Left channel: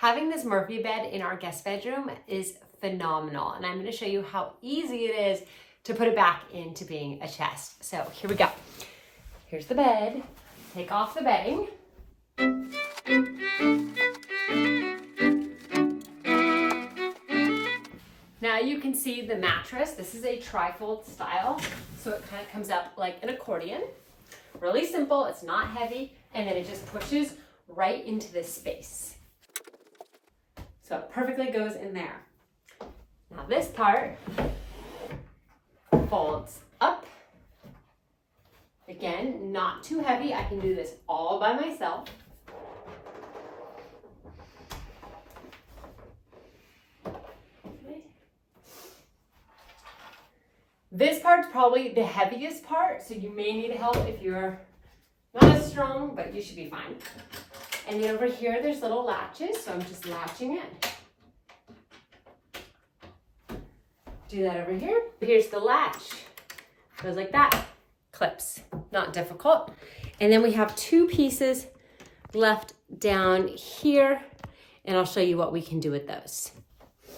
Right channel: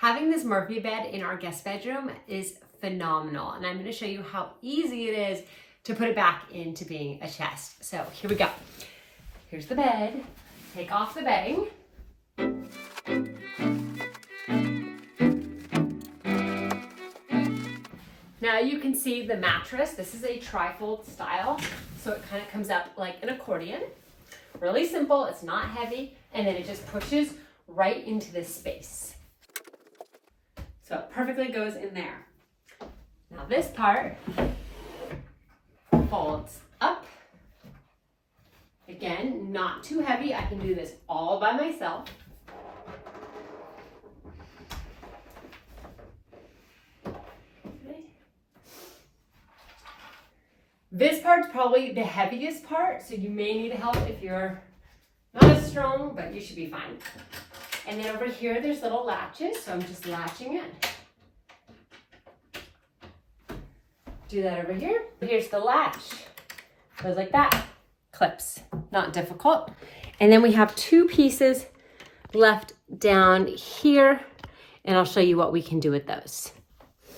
Having this Murphy bed in our guest bedroom is phenomenal, and I'm going to show you how easy it is to put it back into being a chest. So here we go. Here's the bed. Take off the bedding. Now you can see the mattress. This is a tri-fold style, so it kind of comes up like an accordion. Really simple, it's not heavy, and then it just pushes right into this space. So it perfectly goes in there. Now this part folds up. Again, not too heavy. I can do this all by myself. This part's probably the heaviest part, so you may need help if you're not as strong, but you should be fine. And then over here, there's little latches, so I'm just latching it. Do that over here. Here's the latch. Goes like that. Clips, not difficult. And then we have two pieces left down here, and I'll show you what we can do with those. So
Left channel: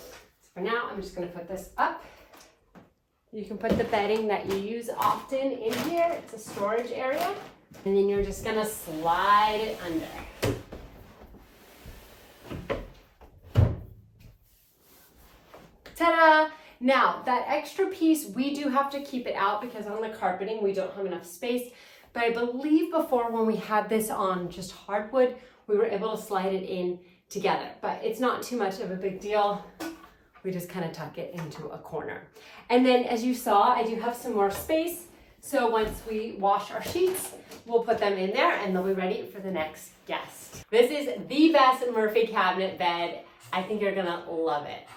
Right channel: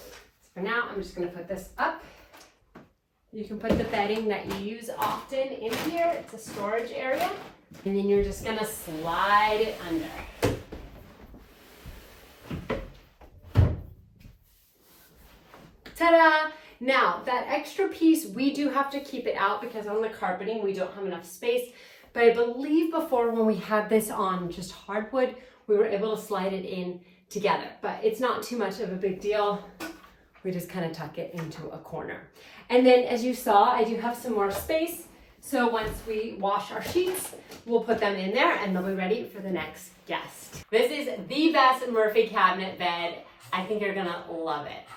for now, I'm just gonna put this up. You can put the bedding that you use often in here. It's a storage area. And then you're just gonna slide it under. Ta-da! Now, that extra piece, we do have to keep it out because on the carpeting, we don't have enough space. But I believe before when we had this on just hardwood, we were able to slide it in together. But it's not too much of a big deal. We just kind of tuck it into a corner. And then as you saw, I do have some more space. So once we wash our sheets, we'll put them in there and they'll be ready for the next guest. This is the best Murphy cabinet bed. I think you're gonna love it.